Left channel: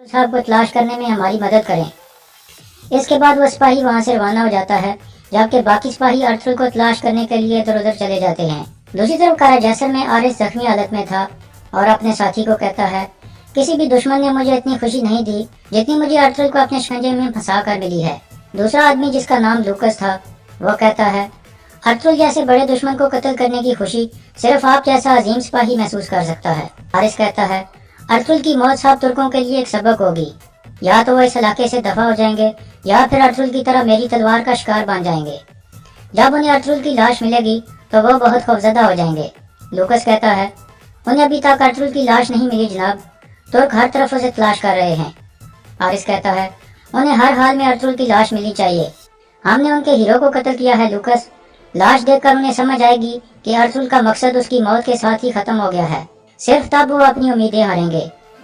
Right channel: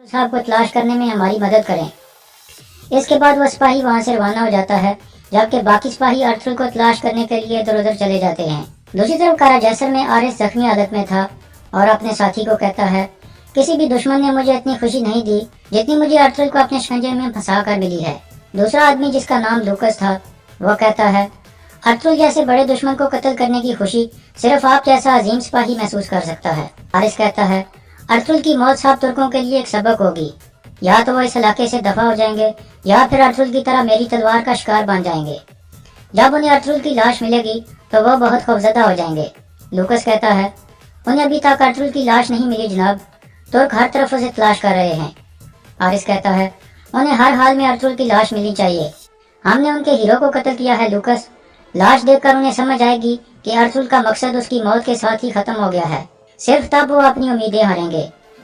साहब को तलाश करने में हमारी मदद करें। इसके बाद वो सिपाही वहाँ से रवाना हो जाता है, जबकि बाकी सिपाही अर्थुल को तलाश करने के लिए इधर उधर चले जाते हैं। दूसरी तरफ कारा जैसर में आरिस जख्मी हालत में था और अपने साथी को कहता है, किसी भी दुश्मन ने मुझे इतनी खुशी नहीं दी जितनी मुझे अर्थुल को अपने शिकंजे में फंसा कर मिली है। दूसरा आदमी, जिसका नाम लूकस था, वो कहता है, अर्थुल जैसे बड़े दुश्मन को कत्ल करने की खुशी सिर्फ आप जैसा अजीम सिपाही महसूस कर सकता है। आरिस कहता है, अर्थुल की मौत सब तुर्कों के लिए एक सबक होगी। या तो वो इस इलाके से दफा हो जाएंगे या फिर अर्थुल की तरह मेरी तलवार का शिकार बन जाएंगे। जब उन्हें अर्थुल की लाश मिलेगी तो वो बहुत खौफजदा हो जाएंगे। लूकस कहता है, उन्हें अभी तक अर्थुल की लाश नहीं मिली जनाब, तुर्क हर तरफ उसे तलाश कर रहे हैं। आरिस कहता है, उन्हें हर हाल में अर्थुल की लाश मिलनी चाहिए। हमने उनके हीरो को कत्ल किया है लूकस। लाश देखकर उन्हें समझ आएगी कि अर्थुल का मकसद उसकी मौत के साथ ही खत्म हो गया है। सिर्फ तब वो अपनी उम्मीदें हारेंगे।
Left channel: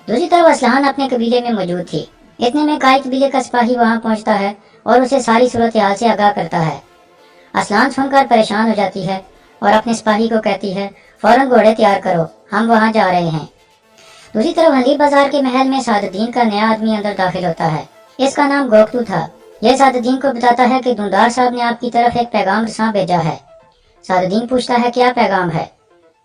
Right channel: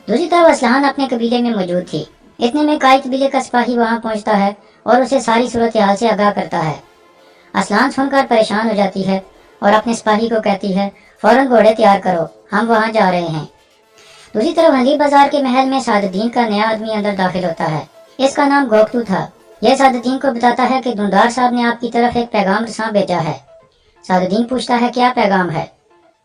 दूसरी तरफ असलहान अपने कबीले में मौजूद थी। इतने में काई कबीले का सिपाही वहाँ पहुँचता है और उसे सारी सूरत हाल से आगाह करता है। असलान सुनकर परेशान हो जाती है और अपने सिपाही को कहती है, फौरन घोड़े तैयार करो, हम वहाँ जा रहे हैं। दूसरी तरफ हली बाजार के महल में सादुद्दीन का नया आदमी अंदर दाखिल होता है। इसका नाम गोकतू था। यह सादुद्दीन को बताता है कि दुंदार साहब ने आपकी तरफ एक पैगाम रसां भेजा है। सादुद्दीन पूछता है, क्या पैगाम है?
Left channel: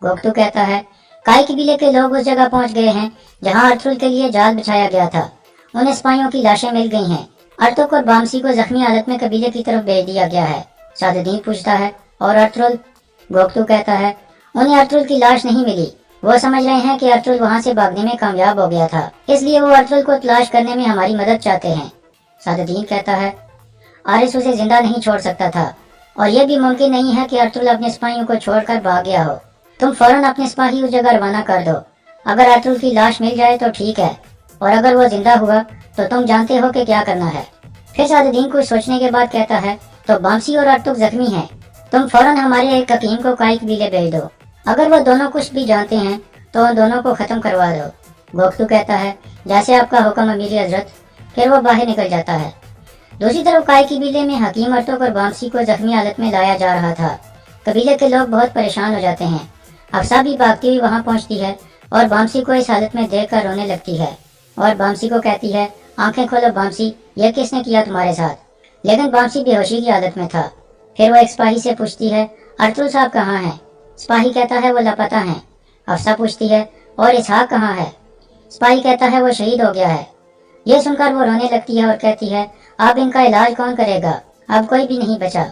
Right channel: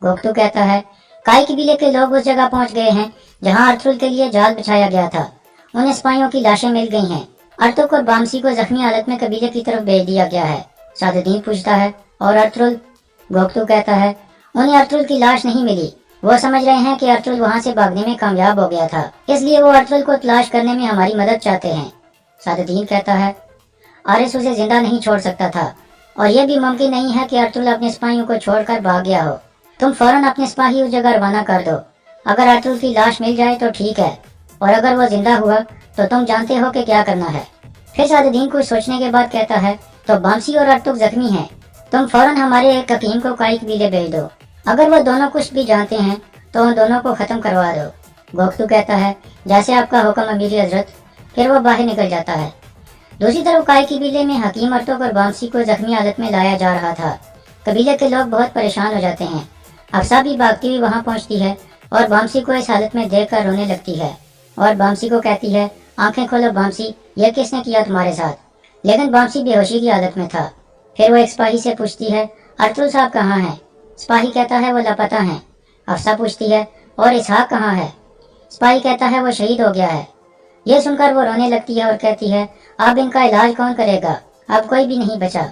गोकतू कहता है, काई कबीले के लोग उस जगह पहुंच गए हैं जहां अर्थुल के लिए जाल बिछाया गया था। उन्हें सिपाहियों की लाशें मिल गई हैं। अर्थुल और बामसी को जख्मी हालत में कबीले की तरफ भेज दिया गया है। सादुद्दीन पूछता है, और अर्थुल? गोकतू कहता है, उन्हें अर्थुल की लाश नहीं मिली। वो समझ रहे हैं कि अर्थुल वहाँ से भागने में कामयाब हो गया था, इसलिए वो अर्थुल को तलाश करने में हमारी मदद चाहते हैं। सादुद्दीन कहता है, आरिस उसे जिंदा नहीं छोड़ सकता था और यह भी मुमकिन नहीं है कि अर्थुल अपने सिपाहियों को छोड़कर भाग गया हो। तुम फौरन अपने सिपाही उस जगह रवाना कर दो। अगर अर्थुल की लाश मिल जाए तो ठीक है, और अगर वो जिंदा हुआ तो तुम जानते हो कि क्या करना है। फिर सादुद्दीन कुछ सोचने के बाद कहता है, तो बामसी और अर्थुल जख्मी हैं, तुम फौरन हमारे एक हकीम को काई कबीले भेज दो। अगर वो दोनों कुछ भी जानते हैं तो उन दोनों को खत्म करवा दो। गोकतू कहता है, जैसे आपका हुक्म अमीर हजरत। फिर वो बाहर निकल जाता है। दूसरी तरफ काई कबीले में हकीम अर्थुल और बामसी को जख्मी हालत में लाया जा रहा था। कबीले के लोग बहुत परेशान हो जाते हैं। अफसा भी भागती हुई वहाँ पहुँचती है और बामसी को इस हालत में देख कर रोने लगती है और बामसी को कहती है, आंखें खोलो बामसी, यह किसने किया तुम्हारे साथ? लेकिन बामसी बेहोशी की हालत में था। फिर वो एक सिपाही से पूछती है, अर्थुल साहब कहाँ हैं? सिपाही कहता है, वो लापता हैं। अफसा पूछती है, और इसहाक कहाँ है? सिपाही कहता है, वो शहीद हो गया है। यह सुनकर वो रोने लगती है और कहती है, अब इनका इलाज कौन करेगा? अब कोई भी नहीं बचा।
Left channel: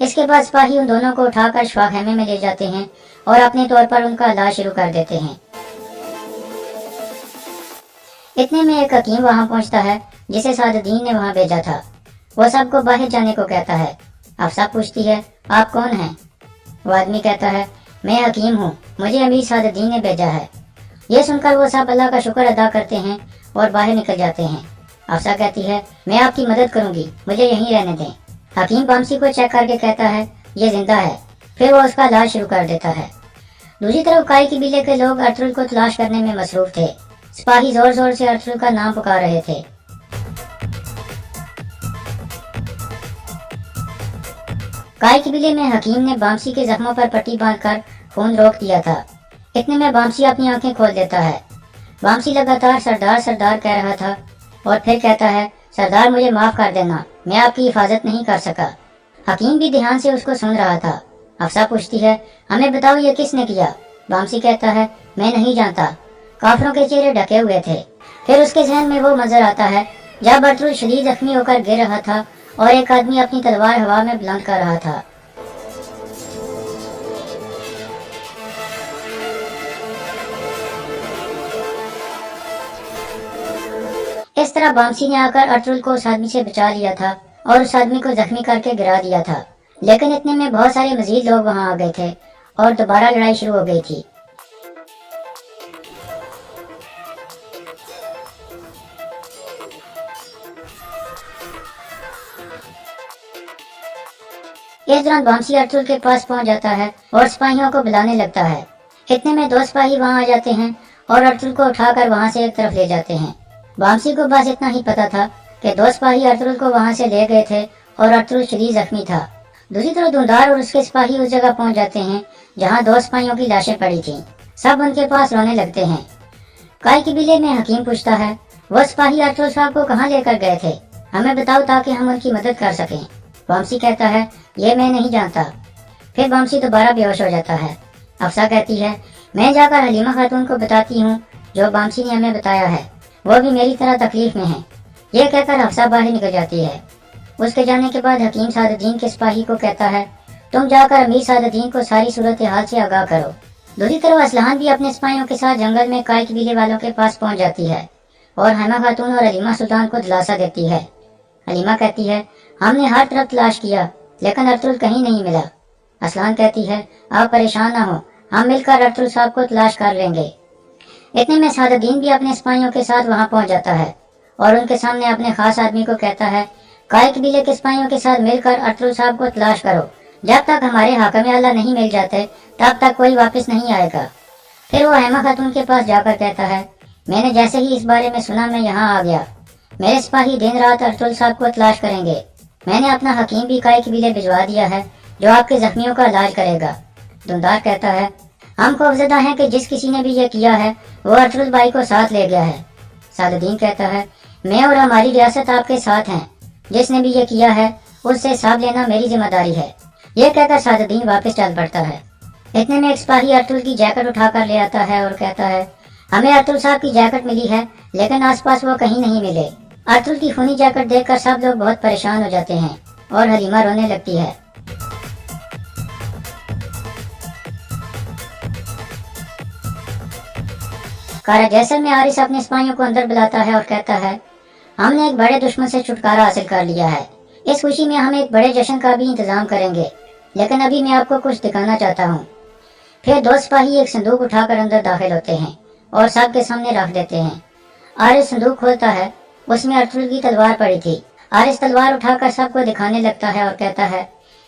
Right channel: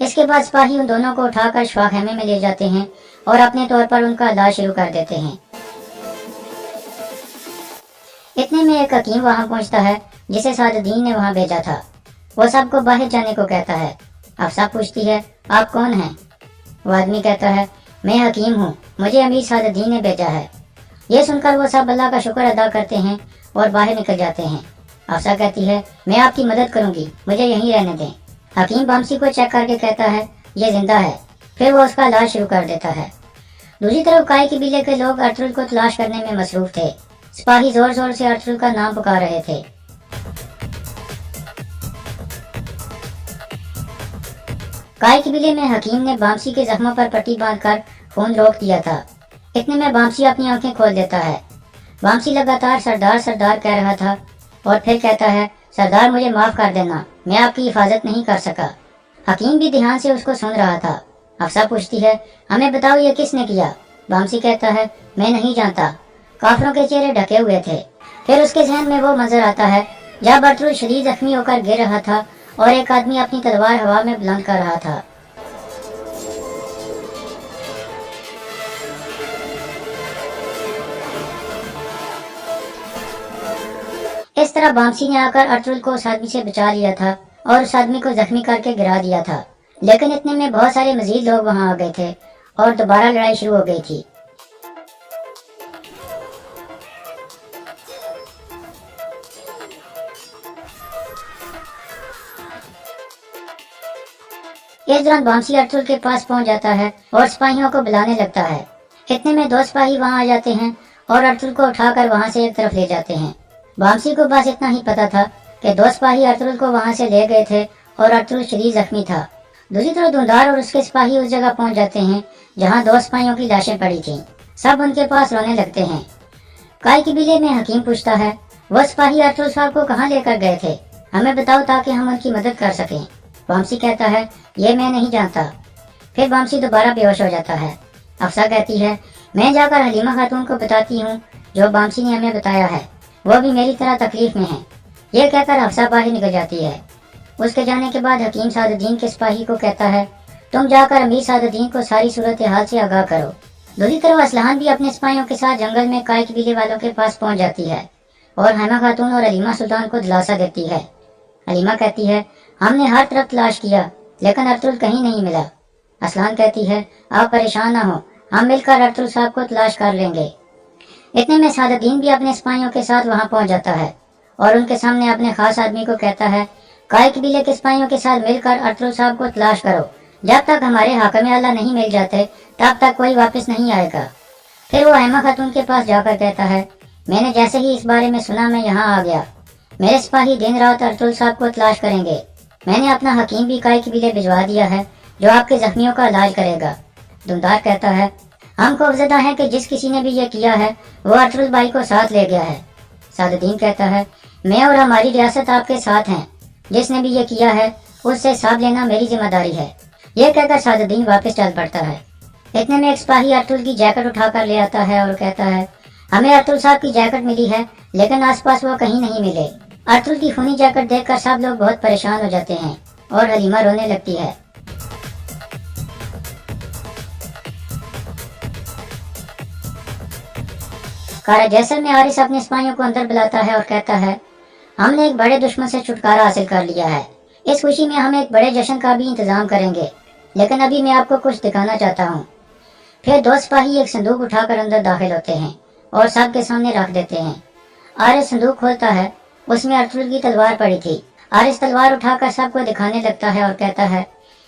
इसके बाद सिपाही उन दोनों को उठाकर शवा खेमे में ले जाते हैं और अपने तौर पर उनका इलाज शुरू कर देते हैं। इतने में एक हकीम वहाँ पहुँचता है जिसे सादुद्दीन ने वहाँ भेजा था। वो सबको बाहर जाने को कहता है। अफसा पूछती है, आप कौन हैं? वो आदमी कहता है, मैं हकीम हूँ, मुझे अमीर सादुद्दीन ने भेजा है। ये सुनकर वो सब अल्लाह का शुक्र अदा करते हैं और बाहर निकल जाते हैं। अफसा कहती है, मैं आपकी मदद करूँगी, मुझे यहीं रहने दें। हकीम बामसी को चेक करके कहता है, ये जिंदा है। फिर वो उसका इलाज शुरू कर देता है। दूसरी तरफ काई कबीले के लोग अर्थुल को तलाश करने में मसरूफ थे। सिपाही जोर जोर से अर्थुल का नाम पुकार रहे थे। काई कबीले में हकीम ने बामसी के जख्मों पर पट्टी बांधकर खून रोक दिया था। इतने में बामसी अपनी आंखें खोल देता है। बामसी लगातार सरदार सरदार कह रहा था और फिर कहता है, सरदार मुझे माफ़ कर देना, मैं आपकी हिफाजत नहीं कर सका। हकीम भी ध्यान से उसको सुन रहा था। अफसा पूछती है, हमें बताओ ये किसने किया? बामसी कहता है, मैं नहीं जानता, काफरों के चेहरे ढके हुए थे। फिर उसके जहन में वो मंजर आता है जब अर्थुल शदीद जख्मी होकर गिर रहा था और एक आदमी अपनी तलवार हवा में बुलंद कर रहा था। इस तरह बामसी ने आकर अर्थुल को उस आदमी से बचा लिया था और उस आदमी को जख्मी करके गिरा दिया था। लेकिन इतने में बहुत सारे मजीद लोग वहां आ गए थे और दोबारा लड़ाई शुरू हो गई थी। इस दौरान बामसी अर्थुल के पास पहुंच जाता है और सिपाहियों को बुलाने लगता है। इतने में दो सिपाही वहां आ जाते हैं और अर्थुल को उठाकर वहां से एक तरफ ले जाते हैं। बामसी को बस इतना ही पता था कि दो सिपाही अर्थुल को वहां से ले गए थे और अर्थुल शदीद जख्मी था। दूसरी तरफ दुंदार और उसके सिपाही उस जगह पहुंच जाते हैं जहां दो सिपाहियों की लाशें पड़ी थीं। सब उनके पास रोने लगते हैं। काई कबीले में हकीम पूछता है, वो सिपाही अर्तुल साहब को कहाँ लेकर गए थे, हमें बताओ ताकि हम उनकी मदद कर सकें। वामसी कहता है, ये मैं नहीं जानता। फिर वामसी दोबारा बेहोश हो जाता है। अफसा कहती है, मैं जाकर हलीमा खातून को बताती हूँ जो वामसी ने हमें बताया है, वो भी मेरी तरह तकलीफ में है। ये कहकर अफसा बाहर निकल जाती है। उसके जाने के बाद हकीम सादुद्दीन के सिपाही को कहता है, तुम जाकर अमीर सादुद्दीन को सारी सूरत हाल से आगाह करो। दूसरी तरफ असलहान भी अपने सिपाहियों के साथ जंगल में काय कबीले वालों के पास पहुंच जाती है और हैमा खातून और हलीमा सुल्तान को दिलासा देती है। हलीमा कहती है, हमने हर तरफ तलाश किया लेकिन अर्तुल कहीं नहीं मिला। असलहान कहती है, आप परेशान ना हो, हम मिलकर अर्तुल साहब को तलाश कर लेंगे। इतने में सादुद्दीन भी अपने सिपाहियों के साथ वहां पहुंच जाता है और उनके सामने अपने खास आदमी को कहता है, काय कबीले के सिपाहियों के साथ मिलकर अर्तुल साहब को तलाश करो। जब तक हमारे हाकिम आला नहीं मिल जाते तब तक कोई वापस नहीं आएगा। फिर वो हैमा खातून के पास जाकर कहता है, मैंने जैसे ही इस बारे में सुना मैं यहाँ आ गया। मेरे सिपाही दिन रात अर्तुल साहब को तलाश करेंगे। मैंने अपना हकीम भी काय कबीले भिजवा दिया है जो आपके जख्मियों का इलाज करेगा। दुमदार कहता है, हम खौफजदा हैं कि जिस किसी ने भी ये किया है वो अर्तुल भाई को साथ ले गया है। सादुद्दीन कहता है, मैं और हमारी रियासत आपके साथ हैं। जिसने भी ये किया है उससे हिसाब लेना मेरी जिम्मेदारी है। यह कहकर सादुद्दीन वापस चल पड़ता है। इतने में एक सिपाही अर्तुल की जैकेट उठाकर ले आता है और कहता है, हमें अर्तुल साहब की जैकेट मिली है लेकिन आसपास वो कहीं नहीं मिले। अर्तुल की खूनी जैकेट देखकर सब लोग बहुत परेशान हो जाते हैं और हलीमा रोने लगती है। कारा जैसर में आरिस अपने सिपाहियों को अंदर बुलाता है और कहता है, हमने एक बड़े दुश्मन से छुटकारा हासिल कर लिया है। इस खुशी में हम एक बड़े जश्न का भी इंतजाम करेंगे, लेकिन अभी मैं आपको कुछ दिखाना चाहता हूँ। फिर दो सिपाही एक संदूक उठाकर अंदर दाखिल होते हैं और सबके सामने रख देते हैं। आरिस संदूक खोलता है, उसमें अर्तुल की तलवार पड़ी थी। आरिस तलवार उठाकर सबको दिखाने लगता है और कहता है,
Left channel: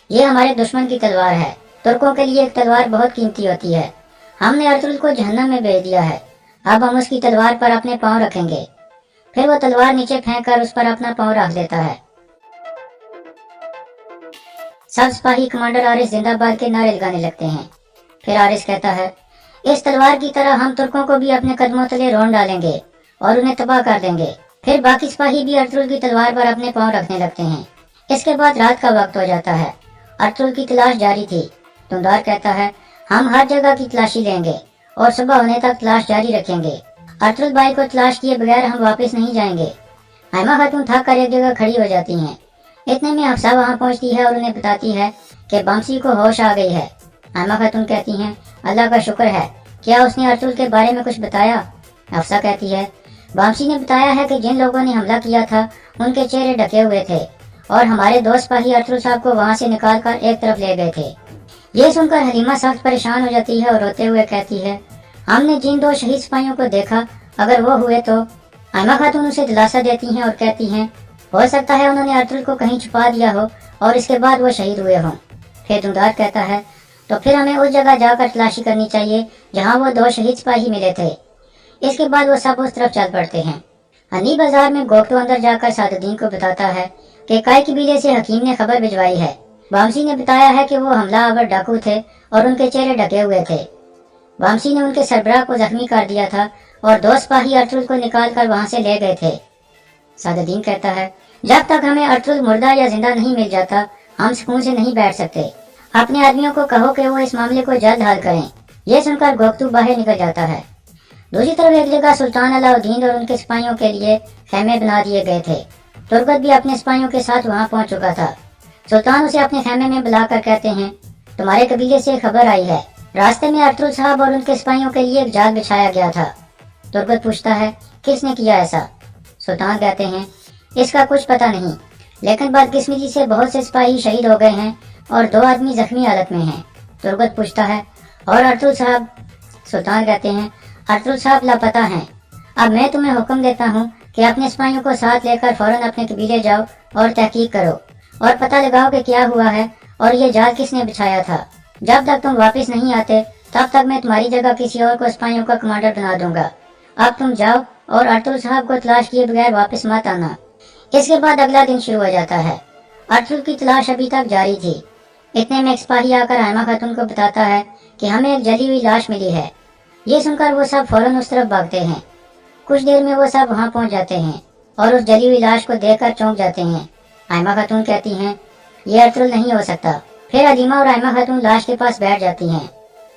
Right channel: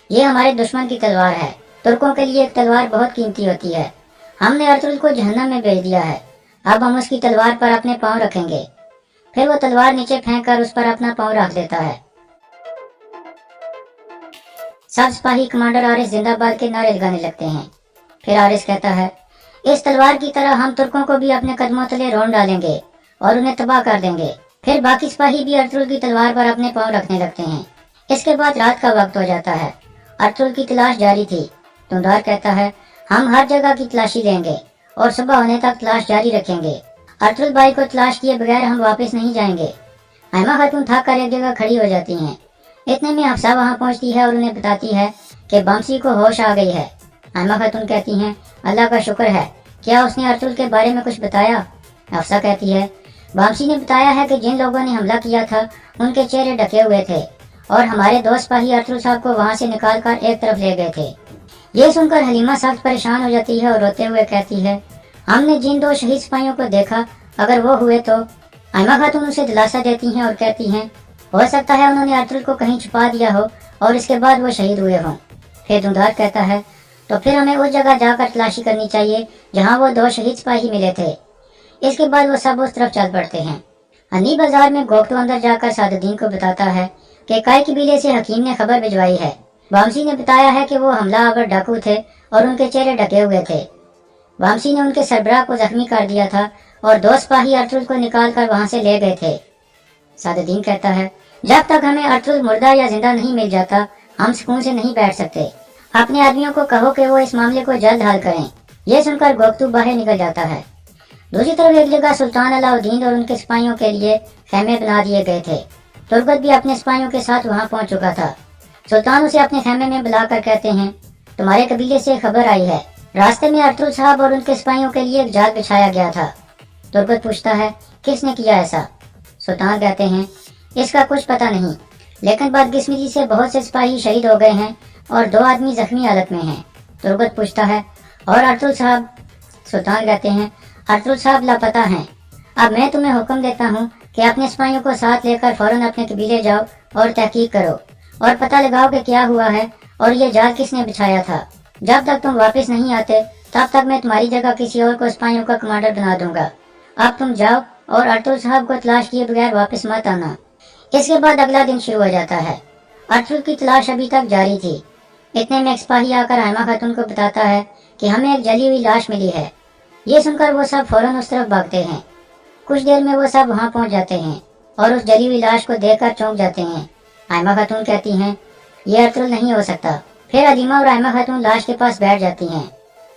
ये हमारे दुश्मन की तलवार है। तुर्कों के लिए एक तलवार बहुत कीमती होती है। हमने अर्तुल को जहन्नम में भेज दिया है। अब हम उसकी तलवार पर अपने पाँव रखेंगे। फिर वो तलवार नीचे फेंक कर उस पर अपना पाँव रख देता है। सब सिपाही कमांडर आरिस जिंदाबाद के नारे लगाने लगते हैं। फिर आरिस कहता है, इस तलवार की तरह हम तुर्कों को भी अपने कदमों तले रोन डालेंगे और उन्हें तबाह कर देंगे। फिर बाकी सिपाही भी अर्तुल की तलवार पर अपने पाँव रखने लगते हैं। इसके बाद रात का वक्त हो जाता है। अर्तुल की तलाश जारी थी। दुमदार कहता है, हम हर जगह की तलाशी लेंगे और सुबह होने तक तलाश जारी रखेंगे। अर्तुल भाई को तलाश किए बगैर हम वापस नहीं जाएंगे। हैमा खातून थक कर एक जगह खड़ी हो जाती हैं। इतने में हफ्सा वहां पहुंचती है और उन्हें बताती है कि वामसी को होश आ गई है। हैमा खातून कहती हैं, अल्लाह का शुक्र है, क्या उसने अर्तुल के बारे में कुछ बताया? हफ्सा कहती है, वामसी ने बताया है कि जिन लोगों ने हमला किया था उनके चेहरे ढके हुए थे और हमारे दो सिपाही अर्तुल साहब को वहां से निकाल कर एक तरफ ले गए थे। ये सुनकर हलीमा सख्त परेशान हो जाती है और रोते हुए कहती है, हमने जिन दो शहीद सिपाहियों को देखा, अगर वो हुए तो। हैमा खातून उसे दिलासा देती हैं और कहती हैं, हो सकता है उन्होंने अर्तुल को कहीं छुपा दिया हो और इसके बाद वो शहीद हुए हों। फिर दुमदार कहता है, तो फिर हमें उस जगह जाकर तलाशी करनी चाहिए जहाँ वो दो शहीद सिपाही मिले थे। इसके बाद वो सब उस तरफ चल पड़ते हैं। हनी बाजार में गोकटू अंदर जाकर सादुद्दीन को बताता है कि काय कबीले से हकीम ने खबर भिजवाई है। वामसी ने बताया है कि वो हमलावर डाकू थे और उनके चेहरे ढके हुए थे। वामसी ने उनके सरबराह को जख्मी कर दिया था और दो सिपाही अर्तुल को निकाल कर वहां से ले गए थे। सादुद्दीन कहता है, जब तक हमें अर्तुल मुर्दा या जिंदा नहीं मिल जाता हम सुकून से नहीं बैठ सकते। अपने आदमियों को कहो कि वो इस मामले को जल्द हल करें। ये सुनकर गोकटू बाहर निकल जाता है। दूसरी तरफ एक जगह सुल्तान अलाउद्दीन और उनके सिपाहियों के लिए खेमे बना दिए गए थे। तुर्गत भी अपने सिपाहियों के साथ वहां पहुंच चुका था। सुल्तान उसे अपने खेमे में बुलाकर कहते हैं, तुम्हारे कबीले से खबर आई है, रास्ते में अर्तुल साहब और उनके सिपाहियों के लिए एक जाल बिछाया गया था। तुर्गत पूछता है, किसने किया ऐसा? सुल्तान कहते हैं, इसका कुछ पता नहीं, लेकिन बदकिस्मती से बहुत से सिपाही शहीद हो गए हैं और दो आदमी जख्मी हालत में हैं। तुर्गत पूछता है, और अर्तुल साहब? सुल्तान कहते हैं, अर्तुल साहब लापता हैं। अब मैं तुम्हें हुक्म देता हूँ कि अपने सिपाहियों को साथ लेकर फौरन अपने कबीले जाओ और तहकीक करो और पता लगाओ कि क्या हुआ है और ये जाल किसने बिछाया था। जब तक तुम वापस नहीं आते तब तक मैं तुम्हारी जगह किसी और को सिपाहियों का कमांडर बना दूंगा। अब तुम जाओ और अर्तुल साहब को तलाश किए बगैर वापस मत आना। इसके बाद अगला दिन शुरू हो जाता है। अर्तुल की तलाश अभी तक जारी थी। इतने में एक सिपाही आकर हैमा खातून को बताता है कि हमें एक जली हुई लाश मिली है। ये सुनकर वो सब फौरन उस तरफ भागते हैं। कुछ देर में वो सब वहाँ पहुँच जाते हैं और उस जली हुई लाश को देखकर चौंक जाते हैं। आयमा खातून कहती हैं, ये अर्तुल नहीं हो सकता। फिर हलीमा और आयमा खातून लाश के पास बैठ जाती हैं।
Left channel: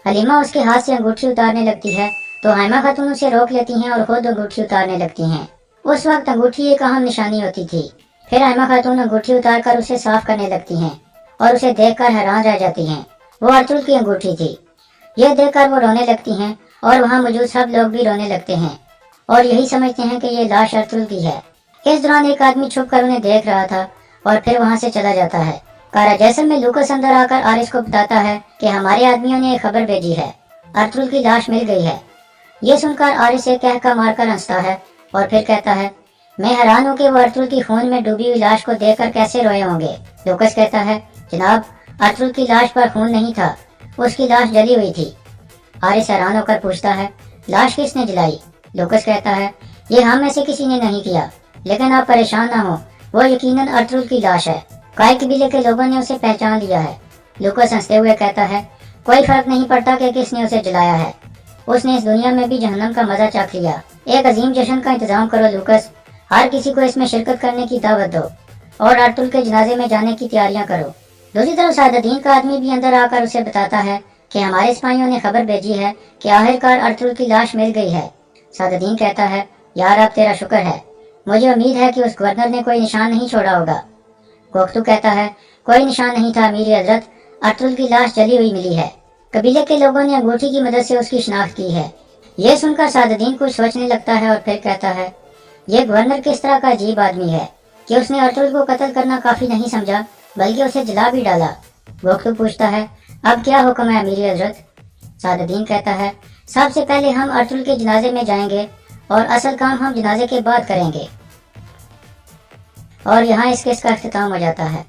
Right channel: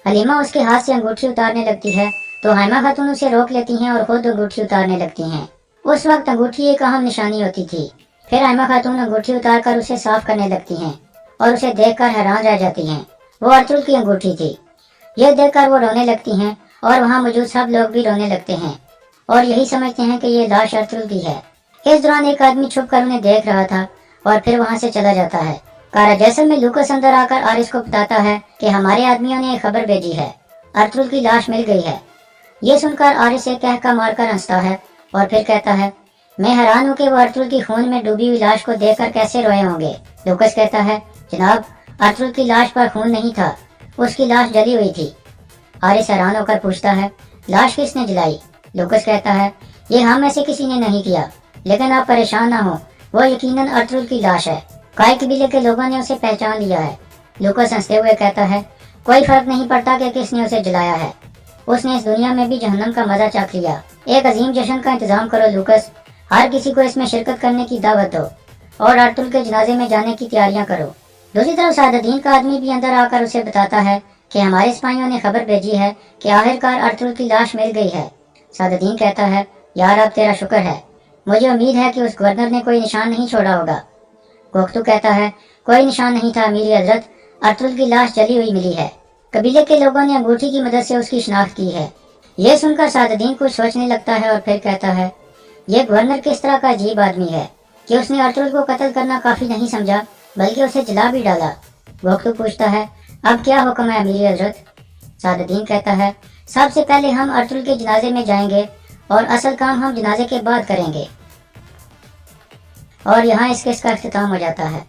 हलीमा उसके हाथ से अंगूठी उतारने लगती है तो आयमा खातून उसे रोक लेती हैं और खुद अंगूठी उतारने लगती हैं। उस वक्त अंगूठी एक अहम निशानी होती थी। फिर आयमा खातून अंगूठी उतार कर उसे साफ करने लगती हैं और उसे देखकर हैरान रह जाती हैं। वो अर्तुल की अंगूठी थी। यह देखकर वो रोने लगती हैं और वहाँ मौजूद सब लोग भी रोने लगते हैं और यही समझते हैं कि ये लाश अर्तुल की है। इस दौरान एक आदमी छुप कर उन्हें देख रहा था और फिर वहाँ से चला जाता है। कारा जैसल में लूकस अंदर आकर आरिस को बताता है कि हमारे आदमियों ने एक खबर भेजी है, अर्तुल की लाश मिल गई है। ये सुनकर आरिस एक कहका मारकर हंसता है और फिर कहता है, मैं हैरान हूँ कि वो अर्तुल की खून में डूबी हुई लाश को देखकर कैसे रोए होंगे। लूकस कहता है, जनाब, अर्तुल की लाश पर खून नहीं था, उसकी लाश जली हुई थी। आरिस हैरान होकर पूछता है, लाश किसने जलाई? लूकस कहता है, ये हम में से किसी ने नहीं किया, लेकिन आप परेशान ना हो, वो यकीनन अर्तुल की लाश है। काय कबीले के लोगों ने उसे पहचान लिया है। लूकस हंसते हुए कहता है, कोई फर्क नहीं पड़ता कि किसने उसे जलाया है, उसने इस दुनिया में भी जहन्नम का मजा चख लिया। एक अजीम जश्न का इंतजाम करो लूकस, हर किसी को इसमें शिरकत करने की दावत दो और अर्तुल के जनाजे में जाने की तैयारियां करो। दूसरी तरफ सादुद्दीन का आदमी भी अंदर आकर उसे बताता है कि हमारे सिपाहियों ने खबर भेजी है कि आखिरकार अर्तुल की लाश मिल गई है। सादुद्दीन कहता है, यार अब तेरा शुक्र है, मुझे उम्मीद है कि उस गवर्नर ने कोई निशान नहीं छोड़ा होगा। गोख्तू कहता है, कोई निशान नहीं था अमीर हजरत, अर्तुल की लाश जली हुई मिली है। कबीले के लोगों ने अंगूठी की मदद से उसकी शिनाख्त की है। यह सुनकर सादुद्दीन कुछ सोचने लगता है और फिर कहता है, यह गवर्नर किस तरह का अजीब आदमी है कि उसने अर्तुल को कत्ल करना काफी नहीं समझा बल्कि उसे जला भी डाला। गोख्तू पूछता है, अब क्या हुक्म है अमीर हजरत? सादुद्दीन कहता है, सबसे पहले हम अर्तुल के जनाजे में जाएंगे और असल काम हम जनाजे के बाद करेंगे। और यहाँ इस केस का इख्तिताम हो जाता है।